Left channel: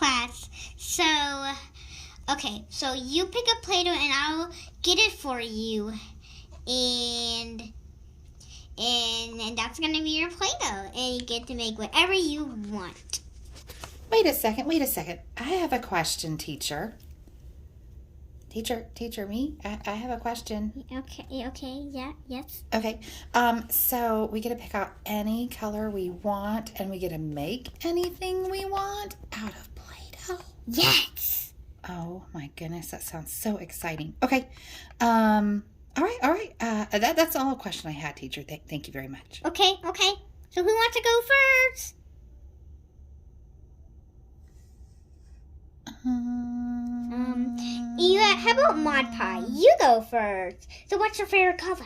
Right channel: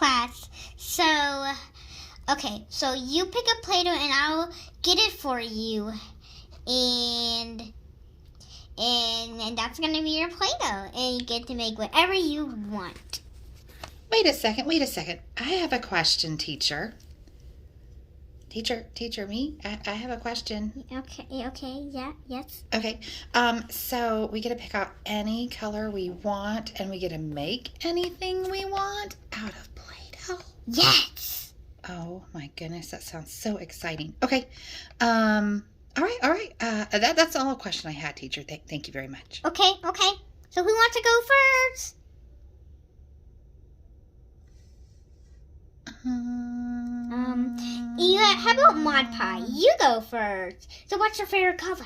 class. So, okay, so you pick a Play-Doh and I'll get it for you. And that's going to be your Play-Doh. And you get to make whatever you want. Wait a second. I have a question, teacher. Teacher, me? I have a question. Okay, yeah, yes. Okay, so we get to pick out any color we want, and we get to make anything we want out of Play-Doh. Yes! Oh my goodness, that sounds so exciting. Okay, all right. That's all a question I had, teacher. Thank you very much. Okay. So who wants to go first? Yeah, how about Mod Pie? You go first. So what's your favorite color?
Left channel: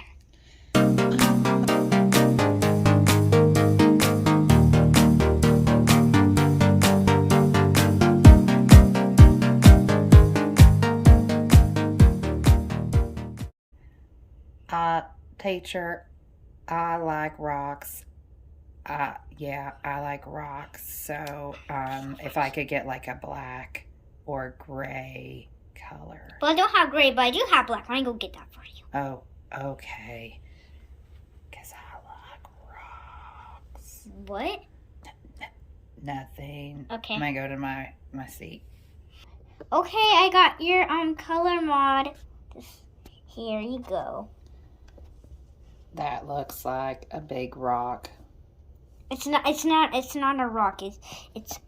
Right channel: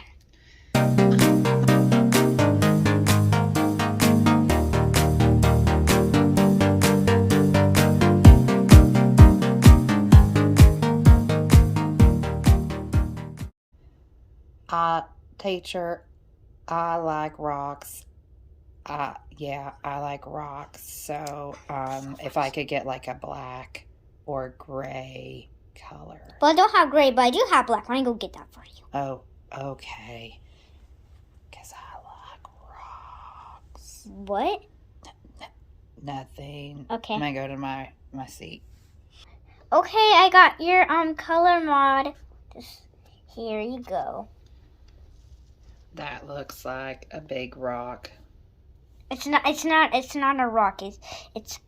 Teacher, I like rocks. Yeah, I like rocks. So, if I could get like a black or gray color. Well, I don't have gray, but I do have black. I can go get that for you. Oh, okay. Because I like rocks. What? Nothing. Okay. I'm going to go to my seat. Okay, I got your color mod. Just here you go. That looks like a big rock. It's not a rock. It's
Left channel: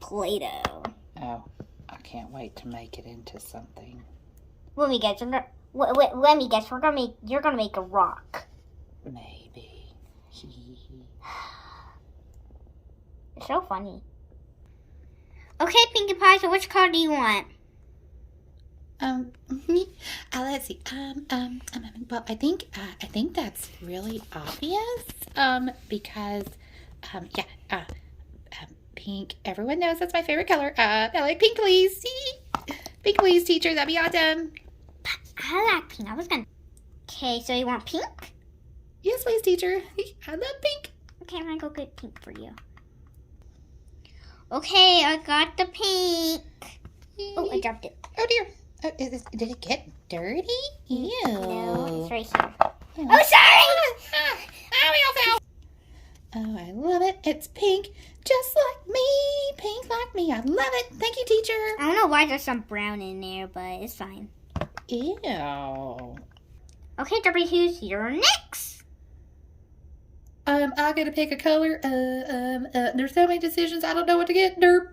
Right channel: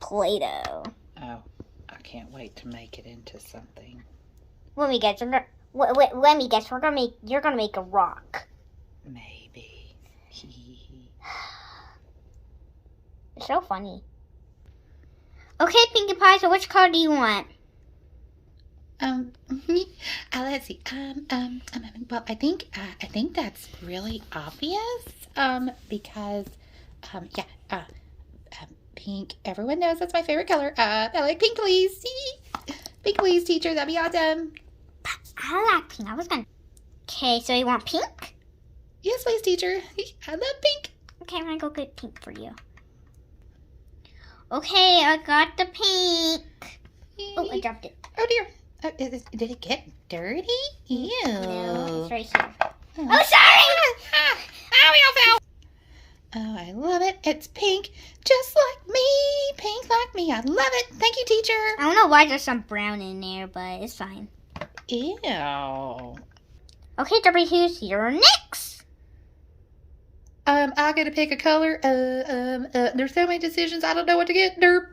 Play-Doh. Oh, I can't wait to make it into something. Let me guess. You're gonna make a rock. Maybe. It's so funny. Okay, Pinkie Pie. So which color do you want? Let's see. Well, I think that's really obvious. Because, pink. Everyone knows that's my favorite color. I like pink, please. See? Pink, please, teacher. That'd be awesome. I like pink. I was gonna. Okay, so you want pink? Yes, please, teacher. I love pink. Okay, I'm gonna go get pink for you. Okay, I got the pink. Oh, I dropped it. Oh dear. Did it get dirty? Ew. No, it's right here. Oh, sorry! Oh, I love it. It's pink, just like me. Pink like me. I love it. Thank you, teacher. I don't know why there's some brown in there, but it's fine. Ew. Okay, who's your next? I gotta pick a color. There's so many decisions. I don't know what to get. Derp.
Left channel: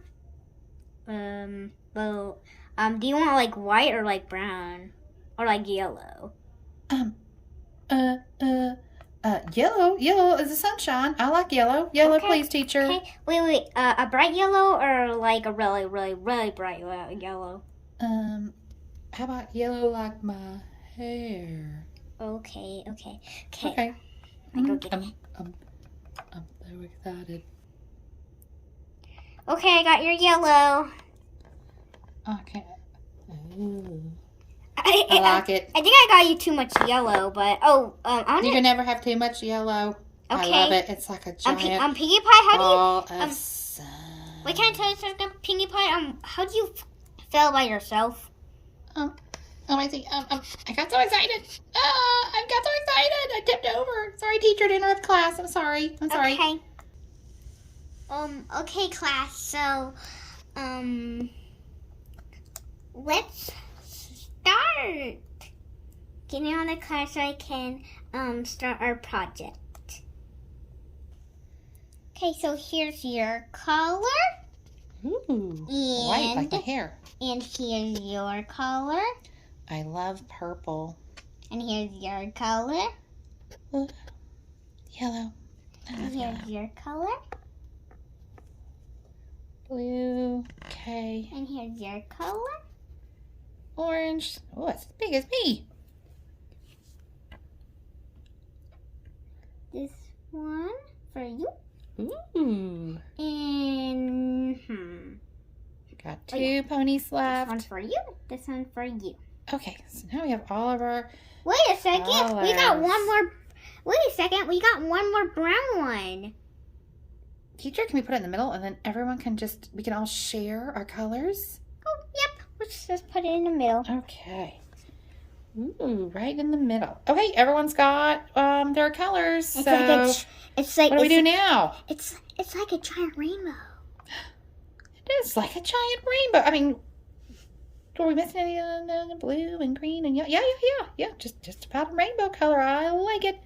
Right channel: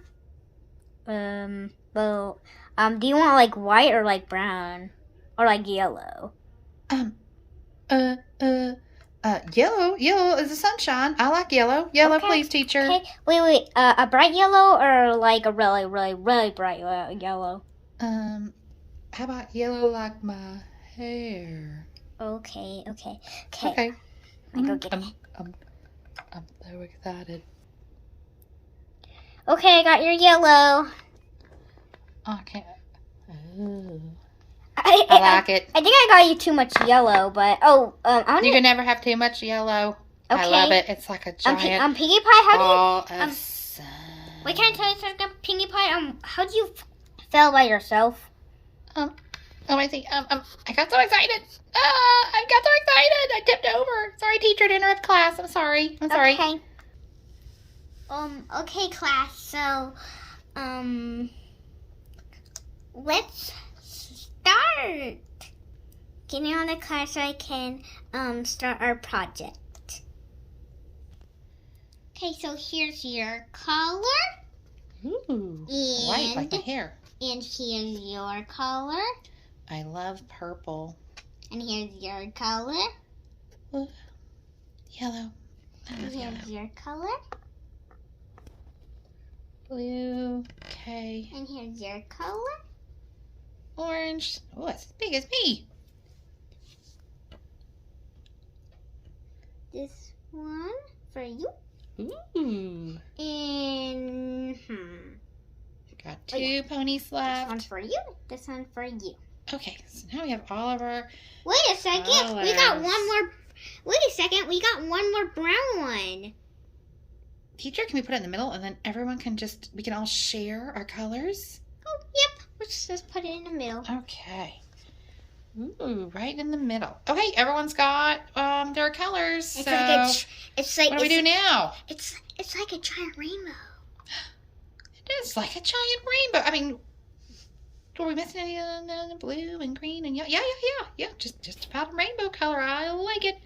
Well, do you want like white or like brown? Or like yellow? Yellow. Yellow is the sunshine. I like yellow. Yellow, Okay. please, teacher. Okay, wait. A bright yellow or like a really, really, really bright yellow? How about yellow like my hair? Okay. Okay. I'll go get it. I'm so excited. Okay, I got your yellow. Oh, I can't. Ooh. I like it. I think I got you too much yellow, but You can never have too much yellow. I Okay. love it. It's like a giant Pinkie Pie, how ball do you? of sun. Wait, can I tell you something, Pinkie Pie? How do you feel by yourself? I see. I got so excited. I got so excited. I tipped over. Sorry, teacher, to interrupt class. I'm sorry. Okay. Okay, class. So, let's start. Getting on the class so I can start our project. Okay, so here's your color. Ooh, white like my hair. And here's your color. I love purple. And here's your color. Ooh, yellow. I And love yellow. here's your color. Blue. Okay. And here's your color. Orange. Oh, it's as big as me. This one for you. Ooh. And Got two ponies this left. one's for you. This one's for you. Okay, so now we have all of our. Wait a second. We got colors. one more. Wait a second. We got one more brown one. teacher, can we put it in the middle and then everyone can we can all share our colors? Oh, yep. Let's just put it in the middle. Okay. Ooh, right in the middle. Okay, everyone's got their colors. It's so like what do we do now? It's like a giant rainbow. It is like a giant rainbow. I mean, are we missing any of the blue and green and yellow? Yeah. Just about a rainbow color. I like it.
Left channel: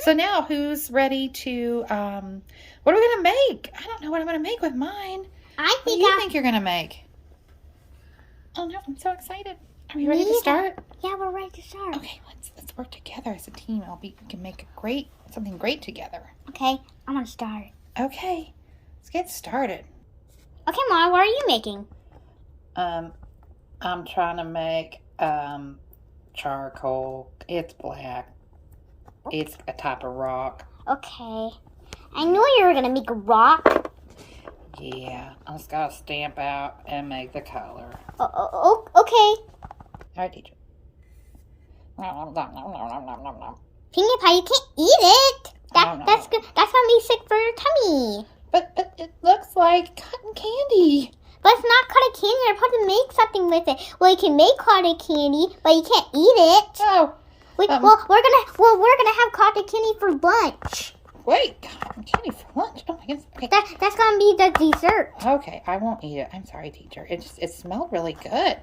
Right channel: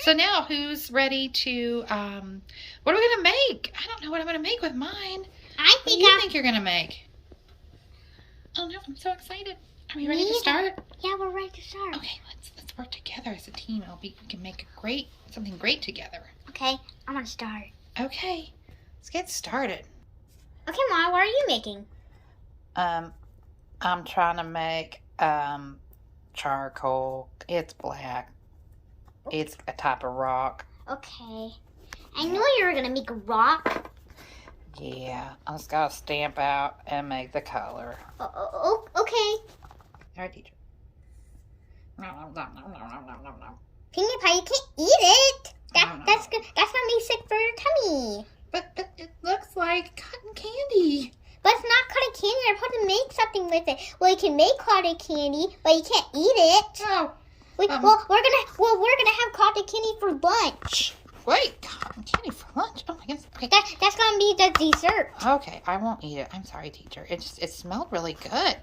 So now, who's ready to? What are we gonna make? I don't know what I'm gonna make with mine. What do you think you're gonna make? Oh no, I'm so excited. Are we ready to start? Yeah, we're ready to start. Okay, let's work together as a team. We can make something great together. Okay, I'm gonna start. Okay, let's get started. Okay, Mom, what are you making? I'm trying to make charcoal. It's black. It's a type of rock. Okay. I knew you were gonna make a rock. Yeah, I just gotta stamp out and make the color. Oh, okay. All right, teacher. Pinkie Pie, you can't eat it. That's gonna be sick for your tummy. But it looks like cotton candy. But it's not cotton candy. You're supposed to make something with it. Well, you can make cotton candy, but you can't eat it. Oh. We're gonna have cotton candy for lunch. Wait, cotton candy for lunch? Oh my goodness. Okay. That's gonna be the dessert. Okay, I won't eat it. I'm sorry, teacher. It smelled really good.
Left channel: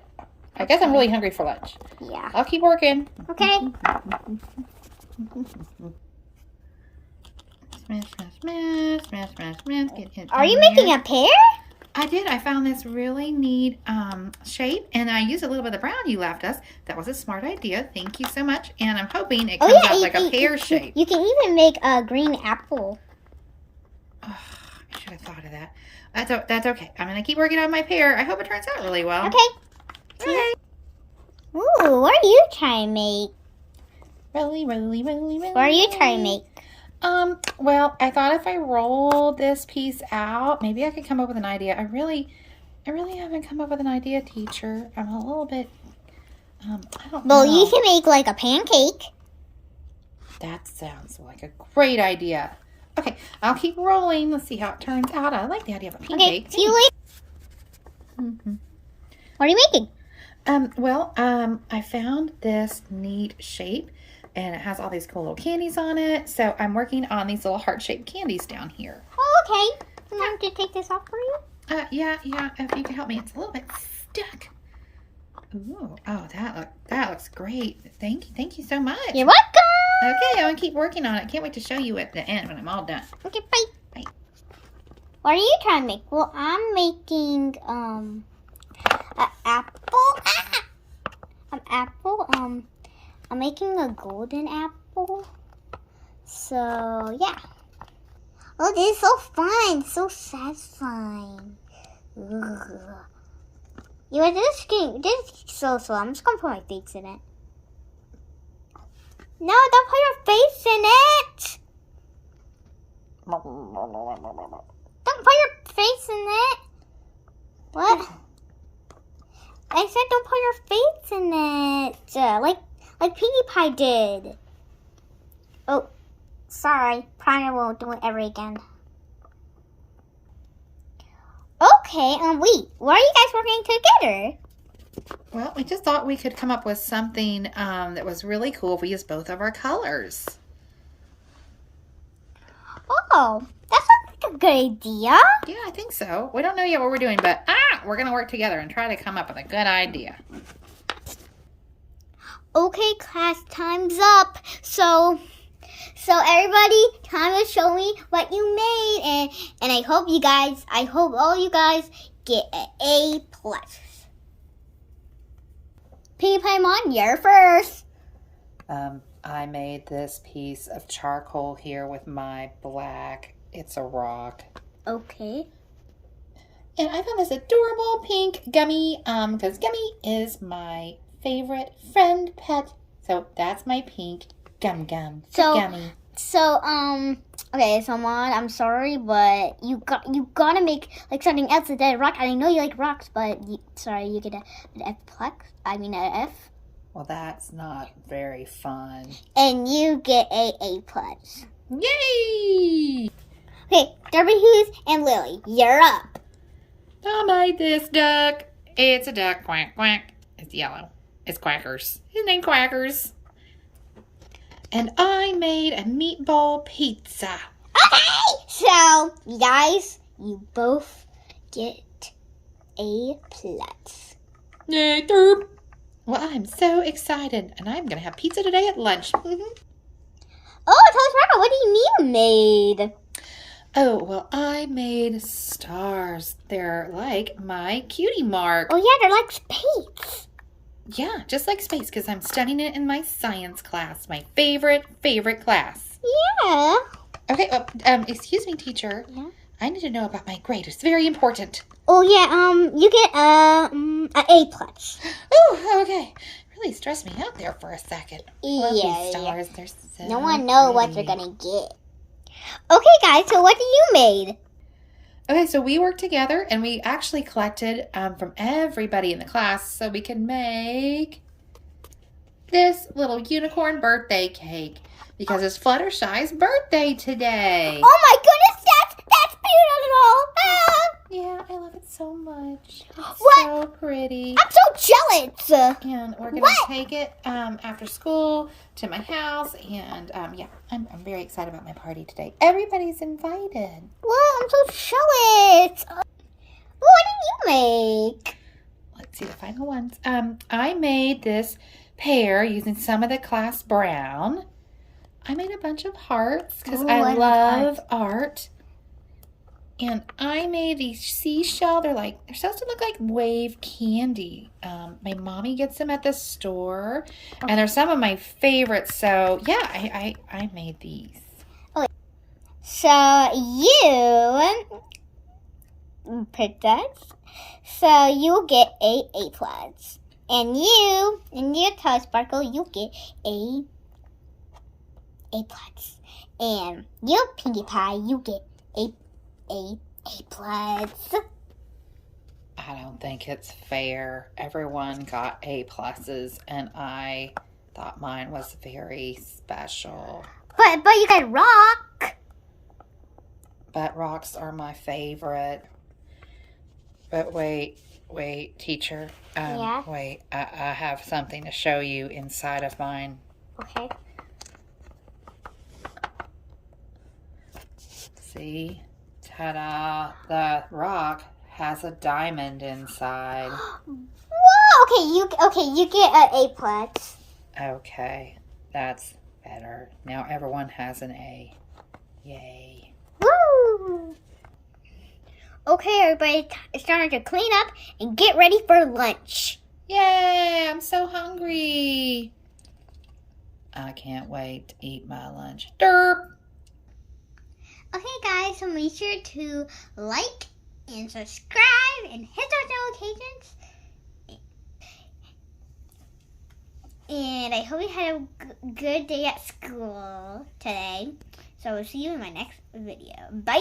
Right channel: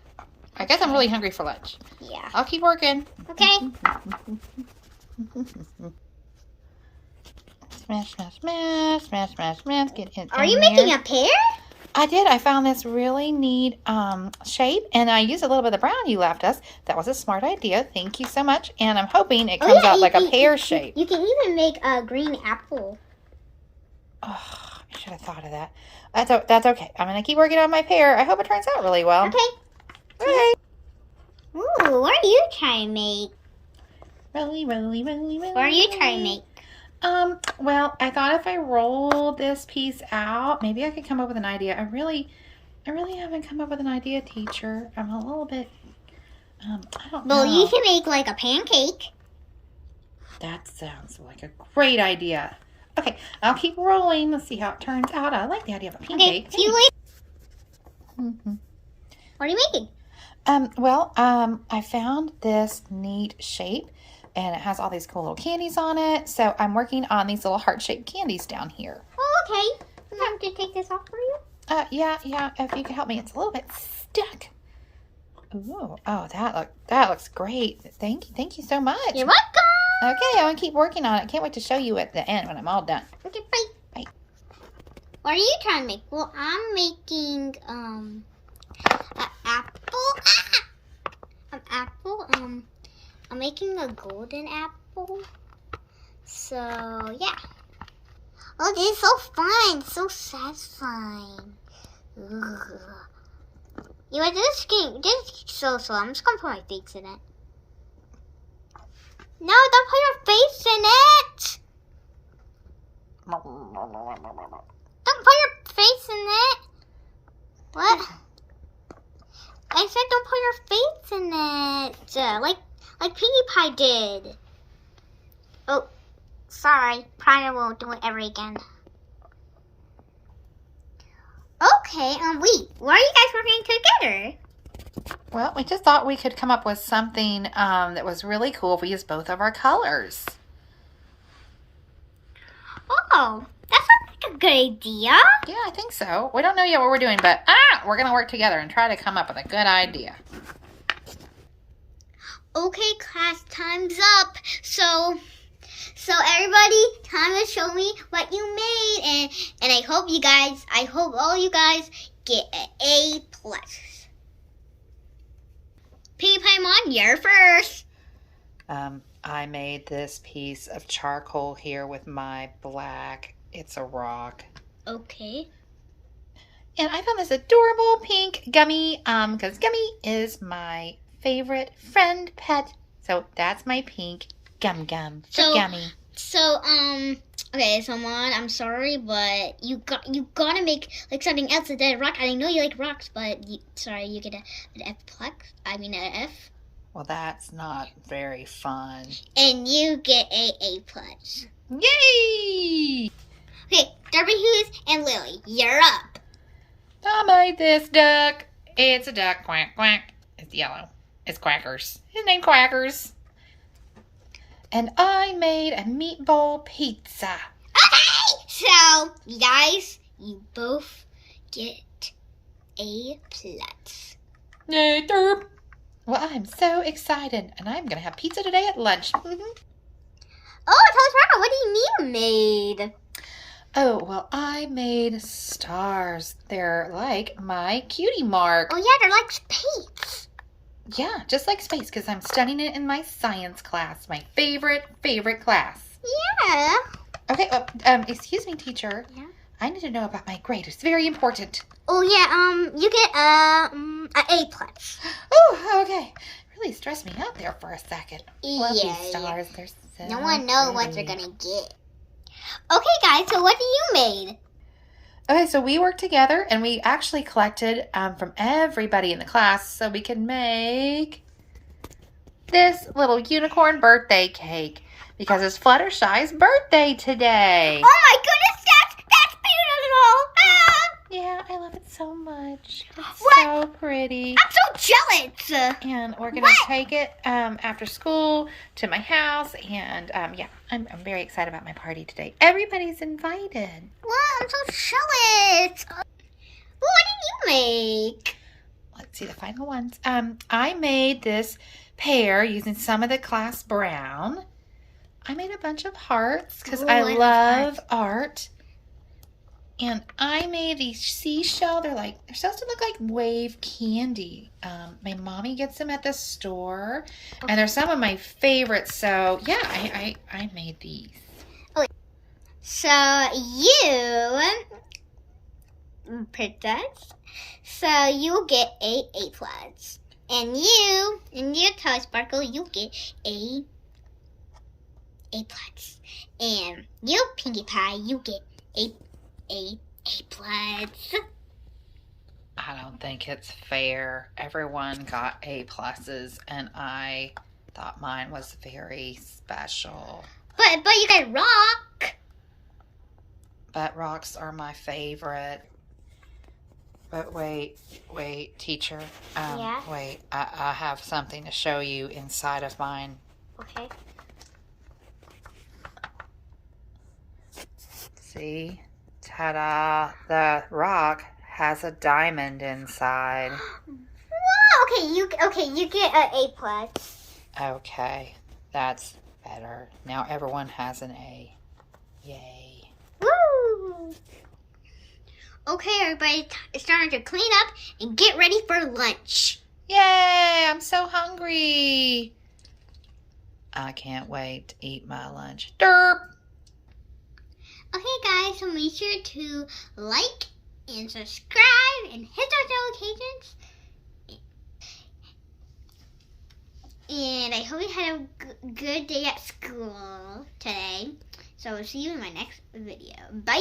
I guess I'm really hungry for lunch. Yeah. I'll keep working. Okay. Smash. Get in. Are you making a pear? I did. I found this really neat shape, and I used a little bit of the brown you left us. That was a smart idea. Thank you so much. And I'm hoping it comes out like a pear shape. You can even make a green apple. Oh, I should have thought of that. That's okay. I'm going to keep working on my pear. I hope it turns out really well. Okay. Okay. Ooh, what are you trying to make? Rolly. What are you trying to make? Well, I thought if I roll this piece out, maybe I could come up with an idea. I really haven't come up with an idea, teacher. I'm a little bit, I don't know. Well, you can make like a pancake. That sounds like a great idea. Okay, I'll keep rolling. Let's see how it turns out. I like the idea of a pancake. Okay, see you later. Mm-hmm. What are you making? I found this neat shape. And it has all these cool little candies on it. So I'm working on these little heart-shaped candies down here. Oh, okay. You want me to take this off for you? Yeah. If you can help me, it's a little bit stuck. Ooh, oh, that looks great. Thank you so much. You're welcome. Okay, I'm gonna keep working on it. Can't wait to show you at the end when I'm all done. Okay, bye. What are you trying to make? Well, I'm making an apple. An apple. I'm making a golden apple. So, yeah. Oh, this is so fun. So satisfying. Ugh. You know, this is so slow. I'm just going to put my face in it. No, don't put your face in it. Don't put your face in it. What? I said don't put your face in it. Like Pinkie Pie did. Oh, sorry. Probably won't do it ever again. Okay, wait. Why are you guys working together? Well, we just thought we could come up with something that was really cool if we used both of our colors. Oh, that sounds like a good idea. Yeah, I think so. We don't know yet what we're doing, but we're going to work together and try to come up with a good idea. Okay, class, time's up. So everybody, time to show me what you made, and I hope all you guys get an A+. Pinkie Pie Mon, you're first. I made this piece of charcoal here with my black. It's a rock. Okay. And I found this adorable pink gummy, because Gummy is my favorite friend pet. So that's my pink gum for Gummy. Okay, so Mon, I'm sorry, but you gotta make like something else than that rock. I know you like rocks, but you get an an F. Well, that's not very fun. And you get A+. Yay! Okay, Derby Hughes and Lily, you're up. I made this duck. It's a duck. Quack, quack. It's yellow. It's Quackers. His name Quackers. And I made a meatball pizza. Okay, so you guys, you both get A+. Yay, derp. Well, I'm so excited, and I'm going to have pizza today at lunch. Oh, tell us, Rebecca, what do you mean you made? Oh, well, I made stars. They're like my cutie mark. Oh, yeah, they're like space. Yeah, just like space, because I'm studying it in my science class, my favorite class. Yeah. Okay, well, excuse me, teacher. Yeah? I need to know about my grade. It's very important. Oh, yeah, you get an A+. Oh, okay. Really stressed me out there for a second. Love Yeah, these stars. They're so no one knows what pretty. they're gonna get. Okay, guys, so what do you made? Okay, so we worked together and we actually collected from everybody in the class so we can make this little unicorn birthday cake because it's Fluttershy's birthday today. Oh my goodness, that's beautiful! Yeah, I love it so much. It's What? so pretty. I'm so jealous. And we're going to take it after school to my house. And yeah, I'm very excited about my party today. Everybody's invited. Well, I'm so jealous. What did you make? Let's see the final ones. I made this pear using some of the class brown. I made a bunch of hearts because I love art. And I made these seashell. They're supposed to look like wave candy. My mommy gets them at the store. Okay. And they're some of my favorites. So yeah, I made these. Okay. So you, Princess, so you get A+. And you, Toy Sparkle, you get A+. And you, Pinkie Pie, you get A+. I don't think it's fair. Everyone got A+, and I thought mine was very special. But you got rock. But rocks are my favorite. But wait, teacher. Yeah? Wait, I have something to show you inside of mine. Okay. See? Ta-da! The rock has a diamond inside. Whoa! Okay, you get an A+. Okay, that's better. Now everyone has an A. Yay! Woo! Okay, everybody, it's time to clean up and get ready for lunch. Yay! I'm so hungry. I can't wait to eat my lunch. Derp! Okay, guys, so make sure to like and subscribe and hit those notifications. And I hope you had a good day at school today. So I'll see you in my next video. Bye!